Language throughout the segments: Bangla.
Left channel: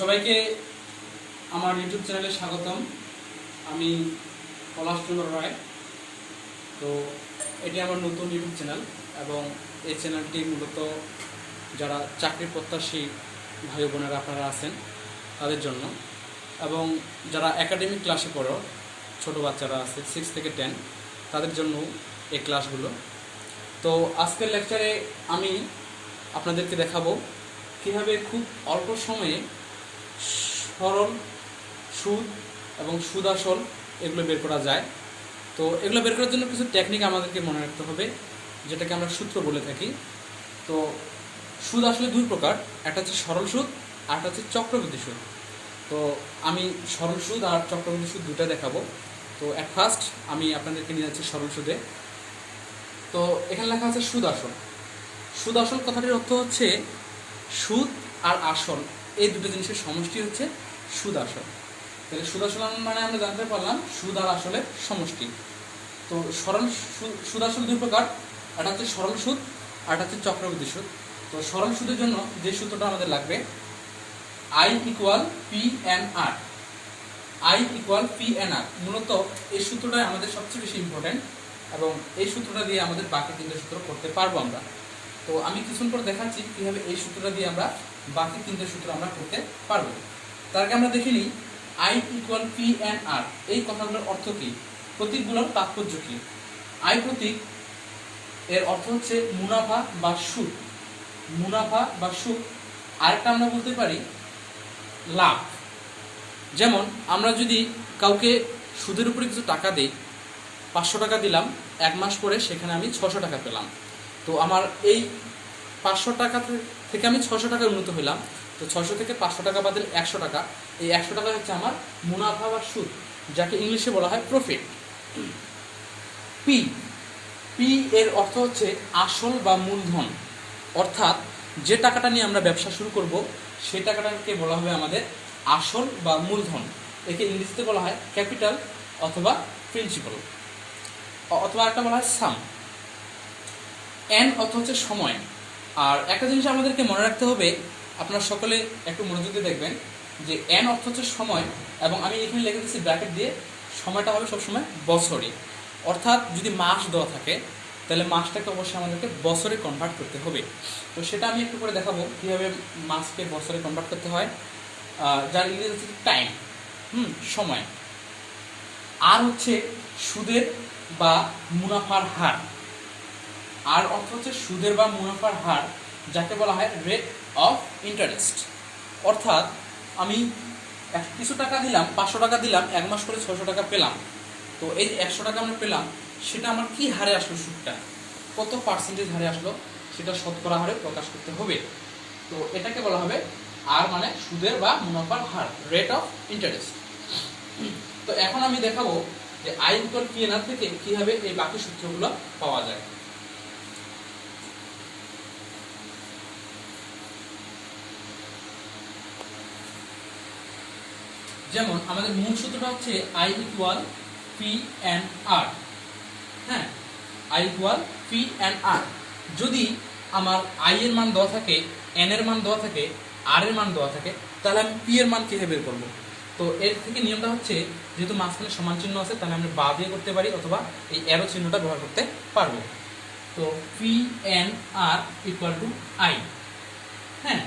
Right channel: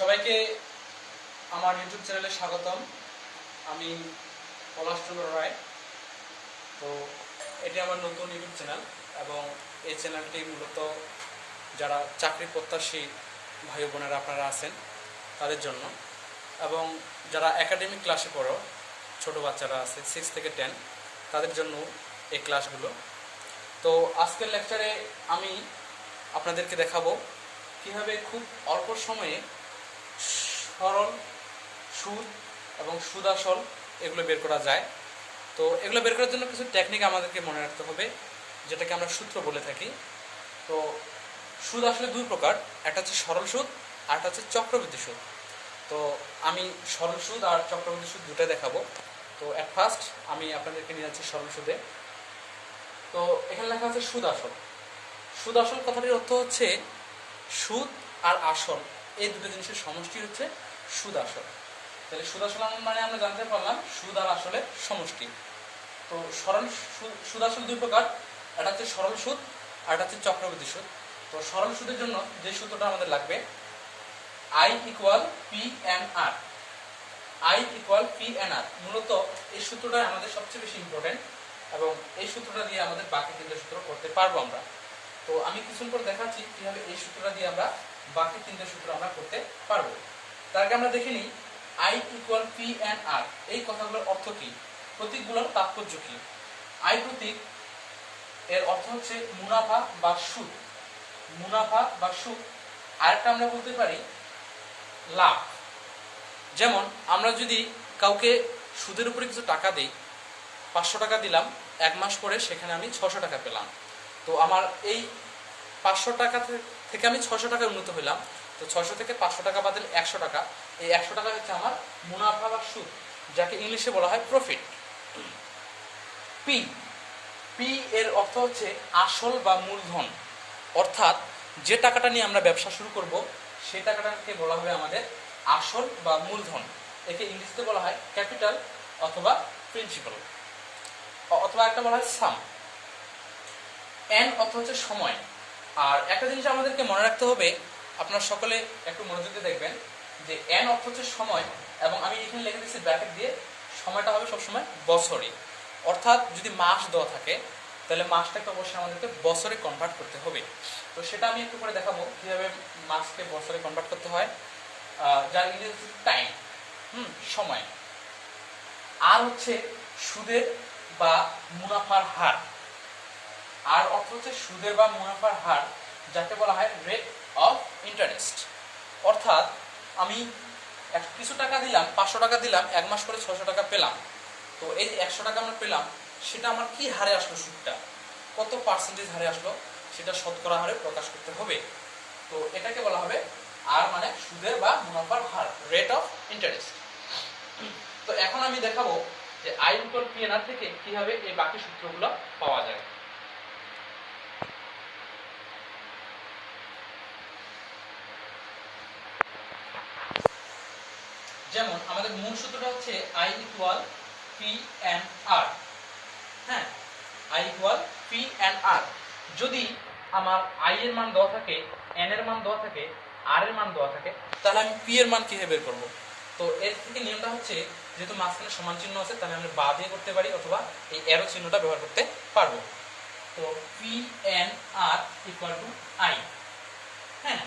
সবাইকে আমার ইউটিউব চ্যানেলে স্বাগতম। আমি পলাশচন্দ্র রায়। তো এটি আমার নতুন ইউটিউব চ্যানেল এবং এই চ্যানেলটি মূলত যারা চাকরি প্রত্যাশী ভাই বোনেরা আপনারা আছেন তাদের জন্য, এবং যারা একাডেমিক ক্লাসে পড়ো ছোট বাচ্চারা আছে 6 থেকে 10 তাদের জন্য এই ক্লাসগুলো। তো আজকের লেকচারে আমি আপনাদেরকে দেখাবো কীভাবে খুব অল্প সময়ে সরল সুদ এবং সুদ আসল এগুলো বের করা যায়। তো এগুলো বের করার জন্য কিছু টেকনিক আমাদেরকে মনে রাখতে হবে, যেটাকে আমরা সূত্র বলে থাকি। তো সুদ আসলে দুই প্রকার, একটা হচ্ছে সরল সুদ আর একটা হচ্ছে চক্রবৃদ্ধি সুদ। তো আমি সরল সুদ আর চক্রবৃদ্ধি সুদ দুটাই দেখাবো। তো অ্যাট ফার্স্ট আমি আপনাদেরকে নিয়ে যাচ্ছি সরল সুদে। তো এখানে লেখা আছে সুদ আসল। সুদ আসল কথাটির অর্থ হচ্ছে সুদ আর আসল এই দুটো জিনিসের সমষ্টি হচ্ছে সুদ আসল। তাহলে সুদ আসল মানে আমরা জানতে পারলাম সুদ আর আসলের সমষ্টি। তো সরল সুদ আসল দুই প্রকার, একটা হচ্ছে সরল সুদ আর একটা হচ্ছে চক্রবৃদ্ধি সুদ। তো সরল সুদের জন্য যে সূত্রটা আমাদের লাগবে I = P/R। I = P/R মূলত এই সূত্রটাই আমাদের সবচেয়ে বেশি ইম্পর্টেন্ট, এবং এই সূত্রটা দিয়ে আমাদের বাকি তিনটে সূত্র করতে পারবো আমরা। তো আমি কিছুক্ষণ পর দেখাচ্ছি কীভাবে এই সূত্রটা দিয়ে আমরা বাকি তিনটে সূত্র আমরা করতে পারবো। তার আগে আমরা দেখে নিই I = P/R এই কথাগুলোর অর্থ কী, প্রতীকগুলোর তাৎপর্য কী। I প্রতীক এর অর্থ হচ্ছে মুনাফা বা সুদ। মুনাফা বা সুদ। আরেকটা আমরা বলতে পারি লাভ। যেমন আমরা যদি কাউকে সুদের উপরে কিছু টাকা দিই, 500 টাকা দিলাম, 1 মাস পরে সেখানে আমি 600 টাকা পেলাম। তো আমার এই 500 টাকা থেকে আমি 600 টাকায় উন্নত হইলাম। তো 600 থেকে 500 টাকা বাদ দিলে 100 টাকা। এই 100 টাকা হচ্ছে আমার মুনাফা বা সুদ, যাকে ইংলিশে বলা হয় প্রফিট। পি পি এর অর্থ হচ্ছে আসল বা মূলধন, অর্থাৎ যে টাকাটা নিয়ে আমরা ব্যবসা শুরু করব সেই টাকাটাকে বলা হবে আমাদের আসল বা মূলধন। একে ইংরেজিতে বলা হয় ক্যাপিটাল অথবা প্রিন্সিপাল, অথবা একটা বলা হয় সাম। এন অর্থ হচ্ছে সময়। আর একটা জিনিস আমাদেরকে মনে রাখতে হবে, আপনারা সকলে একটু মনোযোগ দিয়ে দেখবেন যে এন অর্থ হচ্ছে সময়, এবং আমি এখানে লিখে দিচ্ছি ব্র্যাকেট দিয়ে, সময়টা হবে সবসময় বছরে। অর্থাৎ যদি মাস দেওয়া থাকে তাহলে মাসটাকে অবশ্যই আমাদেরকে বছরে কনভার্ট করতে হবে। তো সেটা আমি একটু করে দেখাবো কীভাবে মাসকে বছরে কনভার্ট করতে হয়। যার ইংরেজি হচ্ছে টাইম, সময়। আর হচ্ছে সুদের বা মুনাফার হার। আর অর্থ হচ্ছে সুদের বা মুনাফার হার, যাকে বলা হয় রেট অফ ইন্টারেস্ট। অর্থাৎ আমি কিছু টাকা দিলাম, 500 টাকা দিলাম, 1 মাস পরে 600 টাকা পেলাম। তো এই 100 টাকা আমরা পেলাম, সেটা আমার কি হারে আসলো, সুদটা কত পার্সেন্টেজ হারে আসলো, সেটা শতকরা হারে প্রকাশ করতে হবে। তো এটাকে বলা হবে আর মানে সুদের বা মুনাফার হার, রেট অফ ইন্টারেস্ট। তো এখন আমি দেখাবো যে I = P/R থেকে কিভাবে এই বাকি সূত্রগুলো পাওয়া যায়। যেমন আমাদের মূল সূত্রটা হচ্ছে I = P/R। হ্যাঁ, I = P/R। যদি আমার I এর মান দেওয়া থাকে, N এর মান দেওয়া থাকে, R এর মান দেওয়া থাকে, তাহলে আমি P এর মান কিভাবে বের করবো? তো এর থেকে নিয়মটা হচ্ছে, যেহেতু মাঝখানে সমান চিহ্ন আছে তাহলে আমরা বা দিয়ে করতে পারি, অথবা এই অ্যারো চিহ্নটা ব্যবহার করতে পারবো। তো P/R = I। হ্যাঁ,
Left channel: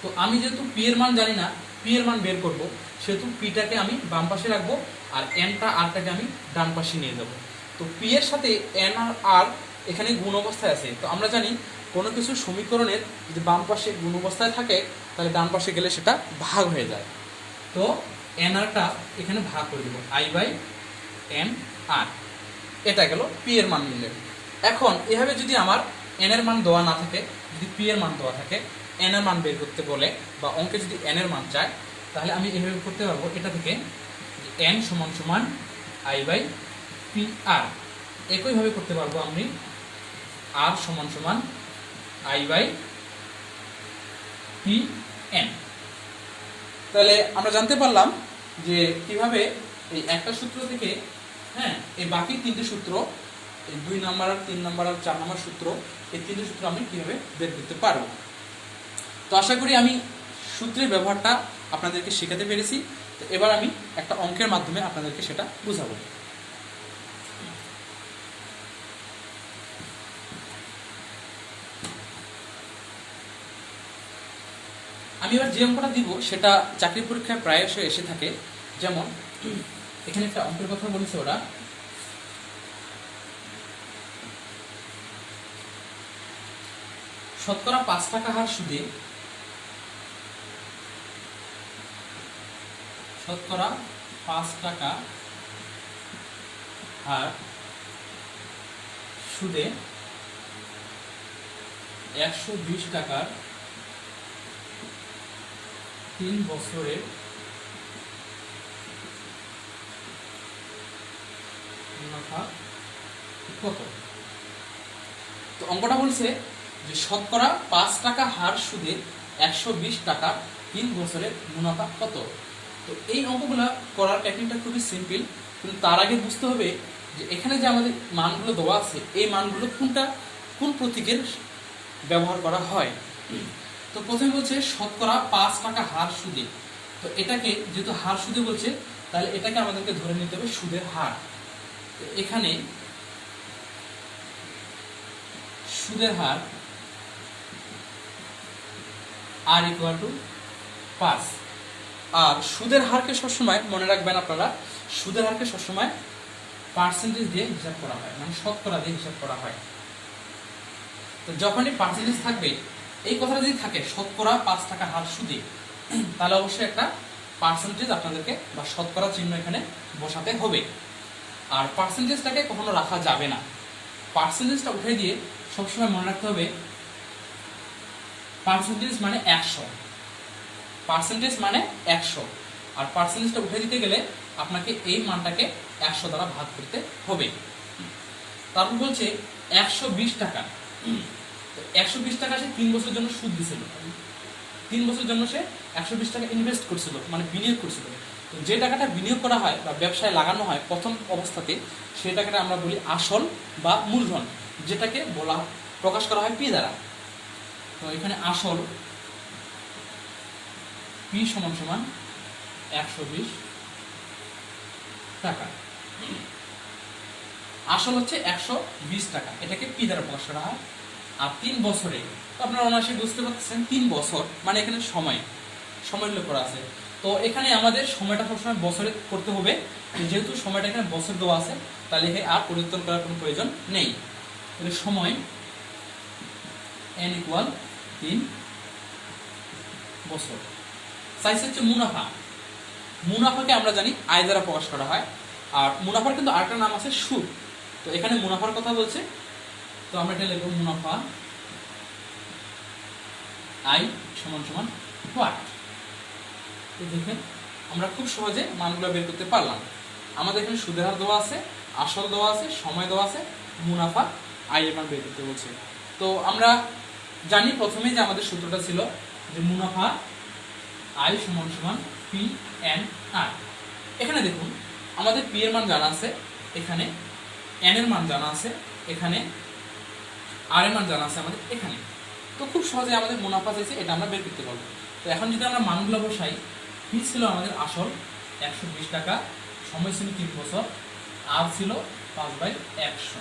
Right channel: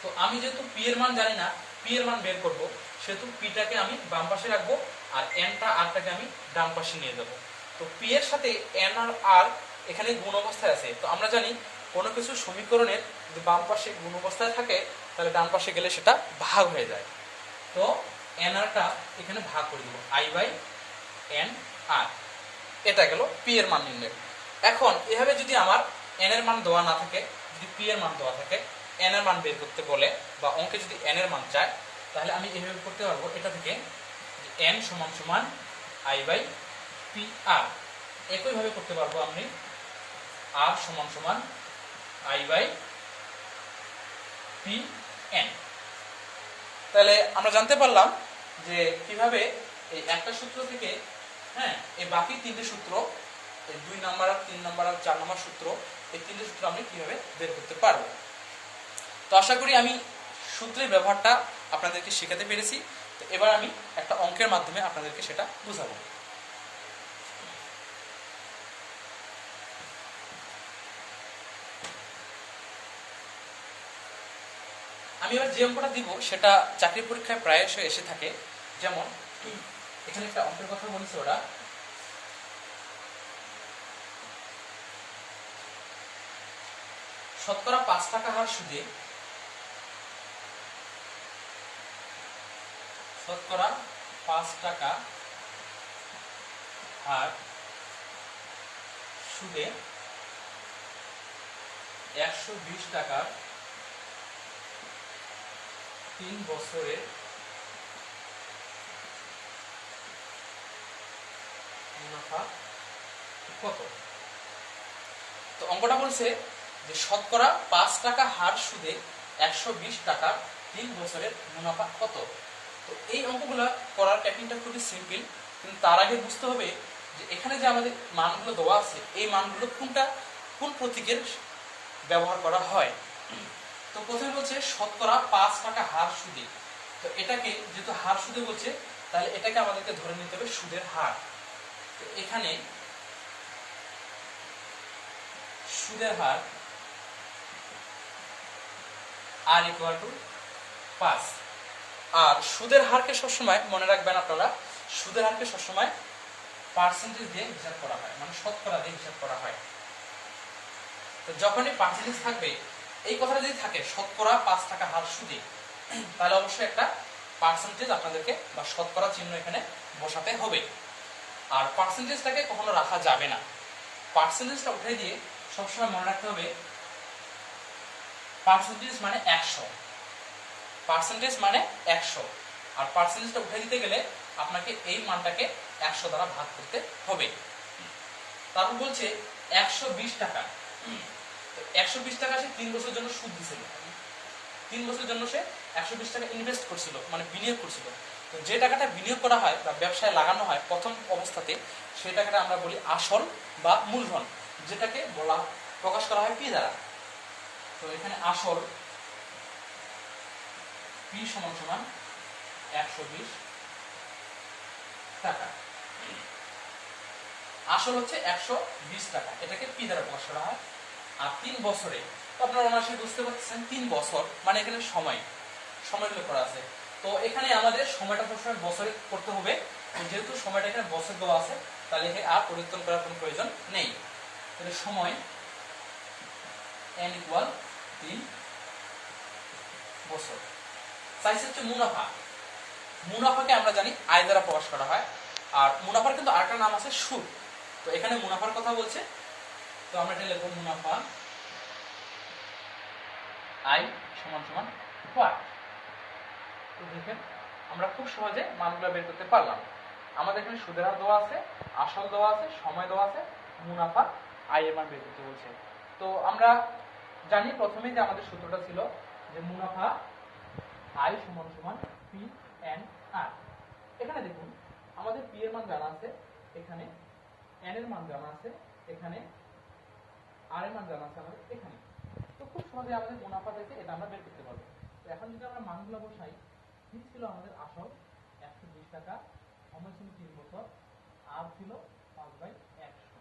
তো আমি যেহেতু P এর মান জানি না, P এর মান বের করব, সেহেতু P-টাকে আমি বাম পাশে রাখবো আর R-টাকে আমি ডান পাশে নিয়ে যাব। তো P এর সাথে N আর R এখানে গুণ অবস্থায় আছে। তো আমরা জানি কোনো কিছু সমীকরণের যদি বাম পাশে গুণ অবস্থায় থাকে তাহলে ডান পাশে গেলে সেটা ভাগ হয়ে যায়। তো NR-টা এখানে ভাগ করে দেবো, I/NR। এটা গেল P এর মান নিলে। এখন এভাবে যদি আমার N এর মান দেওয়া না থাকে, যদি P এর মান দেওয়া থাকে, N এর মান বের করতে বলে বা অঙ্কে যদি N এর মান চায়, তাহলে আমি এভাবে করতে পারবো। এটা থেকে N = I/PR। একইভাবে করতে পারবো আমি R = I/PN। তাহলে আমরা জানতে পারলাম যে কিভাবে এই একটা সূত্র থেকে, হ্যাঁ, এই বাকি তিনটে সূত্র, এই 2 নাম্বার আর 3 নাম্বার আর 4 নাম্বার সূত্র, এই তিনটে সূত্র আমি কিভাবে বের করতে পারবো। তো আশা করি আমি সূত্রের ব্যবহারটা আপনাদেরকে শেখাতে পেরেছি। তো এবার আমি একটা অঙ্কের মাধ্যমে আপনাদেরকে সেটা বুঝাবো। আমি এবার যে অঙ্কটা দিব সেটা চাকরি পরীক্ষায় প্রায়শই এসে থাকে। যেমন এখানে একটা অঙ্কের কথা বলেছে ওরা, শতকরা 5 টাকা হার সুদে শতকরা 5 টাকা হার সুদে 120 টাকার 3 বছরের মুনাফা কত? তো অঙ্কটা বলছে যে শতকরা 5 টাকা হার সুদে 120 টাকার 3 বছরের মুনাফা কত। তো এই অঙ্কগুলো করার টেকনিকটা খুবই সিম্পল, কিন্তু তার আগে বুঝতে হবে যে এখানে যে আমাদের মানগুলো দেওয়া আছে এই মানগুলো কোন প্রতীকের ব্যবহার করা হয়। তো প্রথমে বলছে শতকরা 5 টাকা হার সুদে। তো এটাকে যেহেতু হার সুদে বলছে, তাহলে এটাকে আমাদেরকে ধরে নিতে হবে সুদের হার। তো এখানে সুদের হার আর ইকুয়াল টু 5। আর সুদের হারকে সবসময় মনে রাখবেন আপনারা, সুদের হারকে সবসময় পার্সেন্টেজ দিয়ে হিসাব করা হয়, মানে শতকরা দিয়ে হিসাব করা হয়। তো যখনই পার্সেন্টেজ থাকবে, এই কথাটা যদি থাকে শতকরা 5 টাকা হার সুদে, তাহলে অবশ্যই একটা পার্সেন্টেজ আপনাদেরকে বা শতকরা চিহ্ন এখানে বসাতে হবে। আর পার্সেন্টেজটাকে কখনো রাখা যাবে না, পার্সেন্টেজটা উঠে দিয়ে সবসময় মনে রাখতে হবে পার্সেন্টেজ মানে 100, পার্সেন্টেজ মানে 100। আর পার্সেন্টেজটা উঠে দিতে গেলে আপনাকে এই মানটাকে 100 দ্বারা ভাগ করতে হবে। তারপর বলছে 120 টাকা, 120 টাকা সে 3 বছরের জন্য সুদ দিছিল, 3 বছরের জন্য সে 120 টাকা ইনভেস্ট করছিল, মানে বিনিয়োগ করছিল। তো যে টাকাটা বিনিয়োগ করা হয় বা ব্যবসায় লাগানো হয় প্রথম অবস্থাতে, সেই টাকাটা আমরা বলি আসল বা মূলধন, যেটাকে প্রকাশ করা হয় পি দ্বারা। তো এখানে আসল পি সমান সমান 120 টাকা। আসল হচ্ছে 120 টাকা, এটাকে পি দ্বারা প্রকাশ করা হয়। আর 3 বছরে, তো আপনারা অনায়াসে বুঝতে পারছেন 3 বছর মানে এখানে সময় উল্লেখ করা আছে। তো এখানে আমাদের সময়টা সবসময় বছরে করতে হবে, যেহেতু সময়টা এখানে বছর দেওয়া আছে, তাহলে আর পরিবর্তন করার কোনো প্রয়োজন নেই। তাহলে সময় n ইকুয়াল 3 বছর। সাইজ হচ্ছে মুনাফা, মুনাফাকে আমরা জানি আয় দ্বারা প্রকাশ করা হয়। আর মুনাফার কিন্তু আরেকটা নাম আছে সুদ। তো এখানে মুনাফার কথা বলছে, তো আমরা এটা লিখব মুনাফা আয় সমান সমান হোয়াট। তো দেখেন আমরা খুব সহজে মানগুলো বের করতে পারলাম। আমাদের এখানে সুদের হার দেওয়া আছে, আসল দেওয়া আছে, সময় দেওয়া আছে, মুনাফা আয় এর মান বের করতে বলছে। তো আমরা জানি প্রথমেই যে আমাদের সূত্রটা ছিল যে মুনাফা আয় সমান সমান পি এন আর। এখানে দেখুন আমাদের পি এর মান জানা আছে, এখানে এন এর মান জানা আছে, এখানে আর এর মান জানা আছে আমাদের এখানে। তো খুব সহজে আমাদের মুনাফা চাইছে, এটা আমরা বের করতে পারবো। তো এখন যদি আমরা মানগুলো বসাই, পি ছিল আমাদের আসল 120 টাকা, সময় ছিল 3 বছর, আর ছিল 5/100।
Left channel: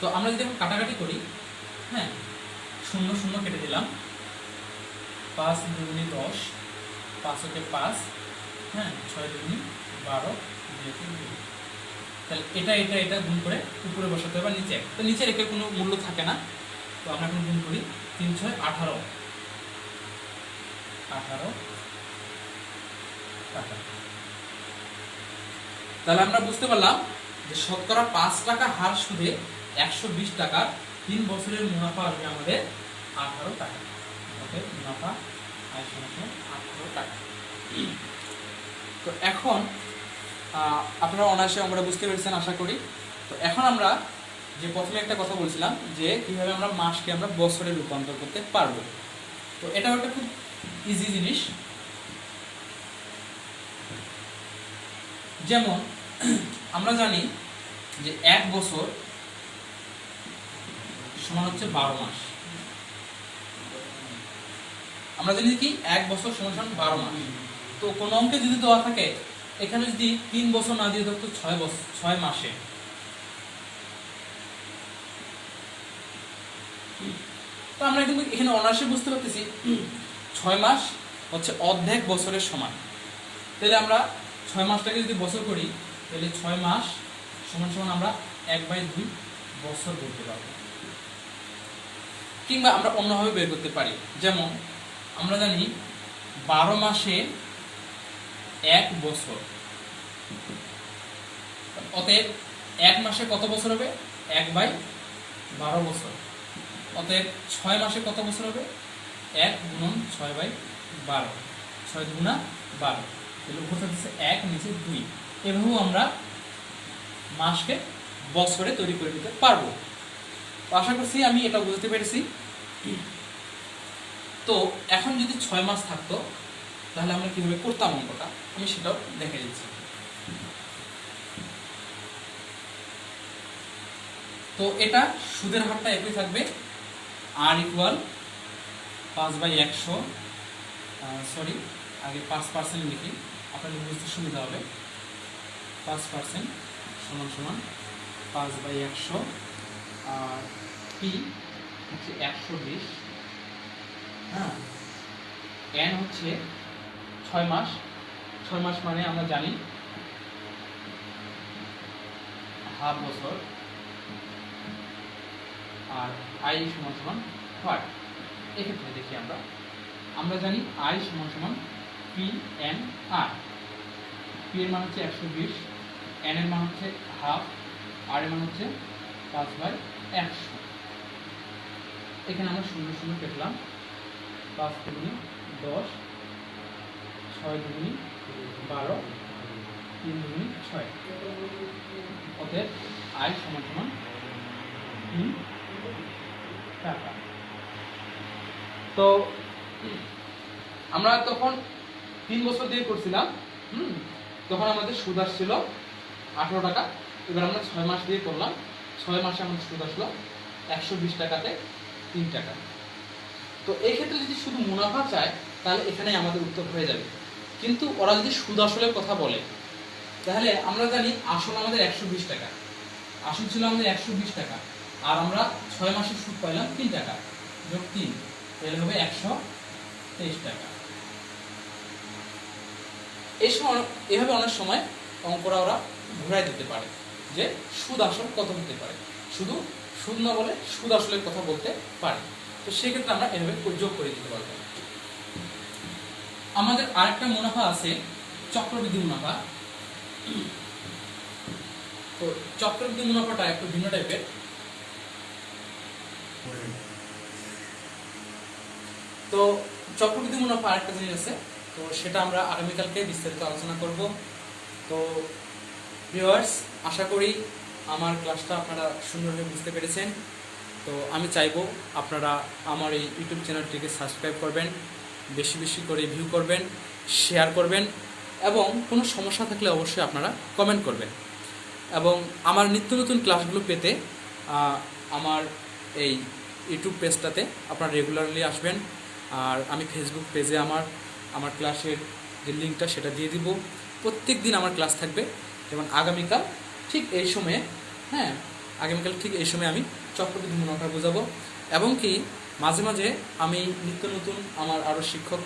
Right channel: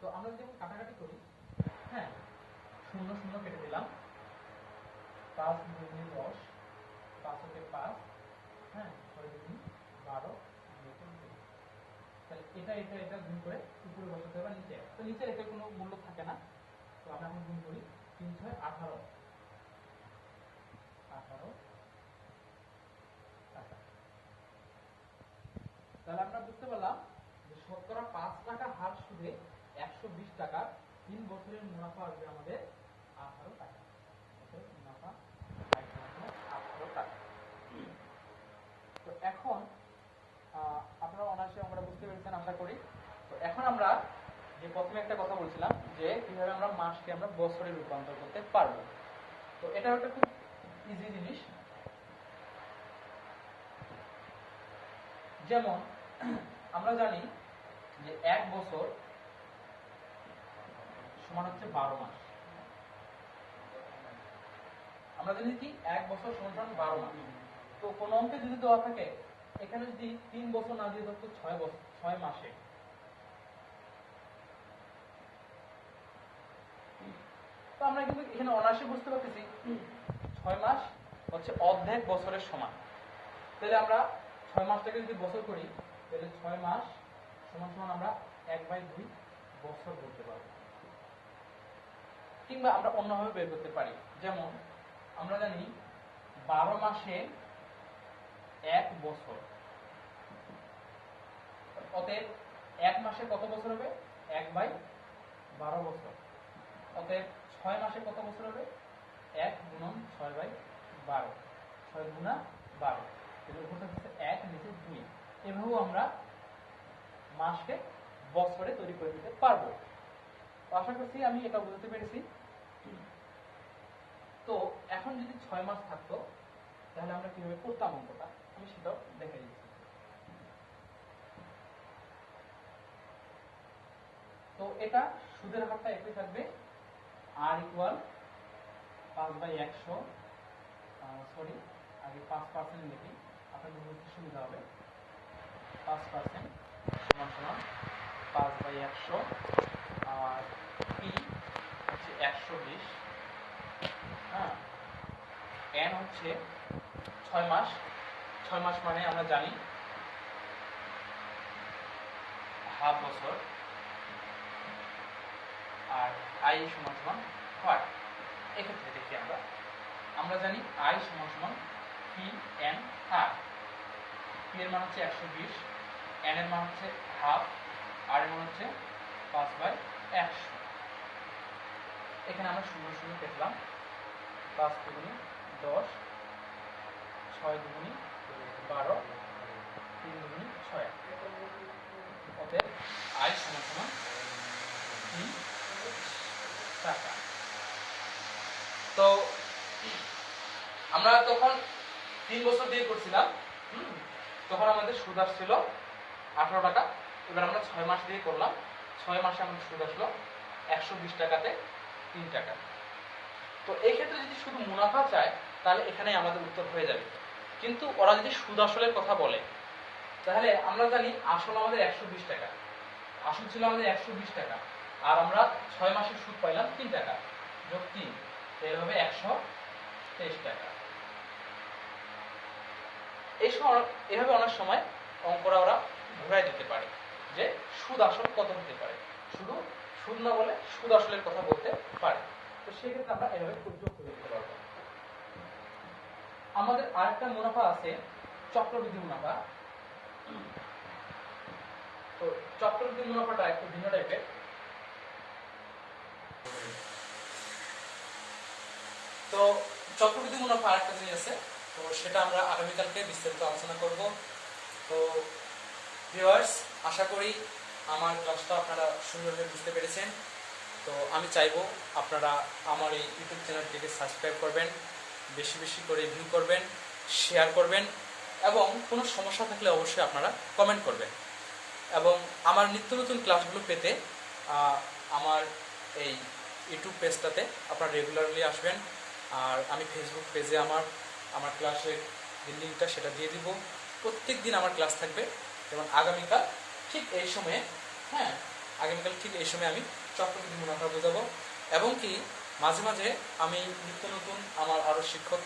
তো আমরা যদি এখন কাটাকাটি করি, হ্যাঁ 0 0 কেটে দিলাম, 5 2 10, 5 হচ্ছে 5, হ্যাঁ 6 2 12, তাহলে এটা গুণ করে উপরে বসাতে হবে নিচে। তো নিচে রেখে কোনো মূল্য থাকে না, তো আমরা এখন গুণ করি 3 6 18 টাকা। তাহলে আমরা বুঝতে পারলাম যে শতকরা 5 টাকা হার সুদে 120 টাকা 3 বছরের মুনাফা আসবে আমাদের 18 টাকা। ওকে, মুনাফা 18 টাকা। তো এখন আপনারা অনায়াসে আমরা বুঝতে পেরেছেন আশা করি। তো এখন আমরা যে প্রথমে একটা কথা বলছিলাম যে কিভাবে আমরা মাসকে আমরা বছরে রূপান্তর করতে পারবো। তো এটা একটা খুব ইজি জিনিস। যেমন আমরা জানি যে 1 বছর সমান হচ্ছে 12 মাস। আমরা জানি কি 1 বছর সমান সমান 12 মাস। তো কোন অঙ্কে যদি দেওয়া থাকে এখানে যদি 3 বছর না দিয়ে ধরতো 6 মাসে, তো আমরা কিন্তু এখানে অনার্সে বুঝতে পারতেছি 6 মাস হচ্ছে অর্ধেক বছরের সমান। তাহলে আমরা 6 মাসটাকে যদি বছর করি তাহলে 6 মাস সমান সমান আমরা 1/2 বছর বলতে পারবো। কিংবা আমরা অন্যভাবে বের করতে পারি, যেমন আমরা জানি 12 মাসে 1 বছর, অতএব 1 মাসে কত বছর হবে? 1/12 বছর। অতএব 6 মাসে কত বছর হবে? 1 গুণন 6/12, 6 গুণা 12, তাহলে উপর থাকছে 1 নিচে 2। এভাবেও আমরা মাসকে বছরে তৈরি করে নিতে পারবো। আশা করছি আমি এটা বুঝতে পেরেছি। তো এখন যদি 6 মাস থাকতো তাহলে আমরা কিভাবে করতাম অঙ্কটা, আমি সেটাও দেখে দিচ্ছি। তো এটা সুদের হারটা একই থাকবে, r ইকুয়াল 5/100, সরি আগে 5% লিখি আপনাদের বুঝতে সুবিধা হবে। 5% সমান সমান 5/100, আর পি হচ্ছে 120, হ্যাঁ, এন হচ্ছে 6 মাস। 6 মাস মানে আমরা জানি হাফ বছর, আর আই সমান সমান হোয়াট। এক্ষেত্রে দেখি আমরা জানি আই সমান সমান পি এন আর। পি এর মান হচ্ছে 120, এন এর মান হচ্ছে হাফ, আর এর মান হচ্ছে 5/100। এখানে আমরা 0 0 কেটলাম, 5 দুগুণি 10, 6 দুগুণি 12, 3 দুগুণি 6। অতএব আই সমান সমান 3 টাকা। তো আমরা তখন 3 বছর দিয়ে করছিলাম, তখন আমাদের সুদ আসছিল 18 টাকা। এবার আমরা 6 মাস দিয়ে করলাম, 6 মাসে আমাদের সুদ আসলো 120 টাকাতে 3 টাকা। তো এই ক্ষেত্রে যদি শুধু মুনাফা চায় তাহলে এখানেই আমাদের উত্তর হয়ে যাবে। কিন্তু ওরা যদি সুদ আসলের কথা বলে তাহলে আমরা জানি আসল আমাদের 120 টাকা, আসল ছিল আমাদের 120 টাকা, আর আমরা 6 মাসের সুদ পাইলাম 3 টাকা, যোগ 3 এর হবে 123 টাকা। এই সময় এভাবে অনেক সময় অঙ্করা ওরা ঘুরাই দিতে পারে যে সুদ আসল কত হতে পারে, শুধু সুদ না বলে সুদ আসলের কথা বলতে পারে। তো সেক্ষেত্রে আমরা এভাবে যোগ করে দিতে পারবো। আমাদের আরেকটা মুনাফা আছে চক্রবৃদ্ধি মুনাফা। তো চক্রবৃদ্ধি মুনাফাটা একটু ভিন্ন টাইপের। তো চক্রবৃদ্ধি মুনাফা আরেকটা জিনিস আছে, তো সেটা আমরা আগামীকালকে বিস্তারিত আলোচনা করব। তো ভিউয়ার্স, আশা করি আমার ক্লাসটা আপনারা সুন্দরভাবে বুঝতে পেরেছেন। তো আমি চাইবো আপনারা আমার এই ইউটিউব চ্যানেলটিকে সাবস্ক্রাইব করবেন, বেশি বেশি করে ভিউ করবেন, শেয়ার করবেন, এবং কোনো সমস্যা থাকলে অবশ্যই আপনারা কমেন্ট করবেন। এবং আমার নিত্য নতুন ক্লাসগুলো পেতে আমার এই ইউটিউব পেজটাতে আপনারা রেগুলারলি আসবেন। আর আমি ফেসবুক পেজে আমার ক্লাসের যে লিঙ্কটা সেটা দিয়ে দিব। প্রত্যেক দিন আমার ক্লাস থাকবে, যেমন আগামীকাল ঠিক এই সময়ে, হ্যাঁ, আগামীকাল ঠিক এই সময় আমি চক্রবৃদ্ধি মুনাফা বোঝাবো। এবং কি মাঝে মাঝে আমি নিত্য নতুন আমার আরও শিক্ষক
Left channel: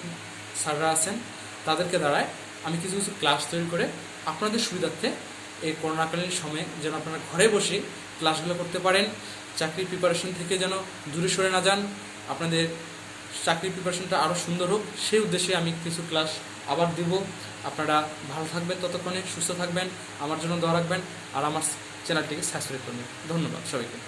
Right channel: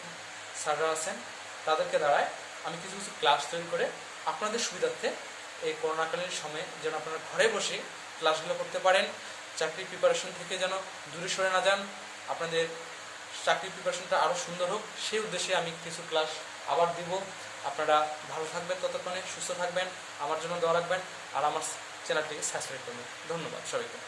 স্যাররা আছেন, তাদেরকে দ্বারায় আমি কিছু কিছু ক্লাস তৈরি করে আপনাদের সুবিধার্থে এই করোনাকালীন সময়ে যেন আপনারা ঘরে বসে ক্লাসগুলো করতে পারেন, চাকরির প্রিপারেশন থেকে যেন দূরে সরে না যান, আপনাদের চাকরির প্রিপারেশনটা আরও সুন্দর হোক, সেই উদ্দেশ্যে আমি কিছু ক্লাস আবার দিব। আপনারা ভালো থাকবেন, ততক্ষণে সুস্থ থাকবেন, আমার জন্য দোয়া রাখবেন, আর আমার চ্যানেলটিকে সাবস্ক্রাইব করবেন। ধন্যবাদ সবাইকে।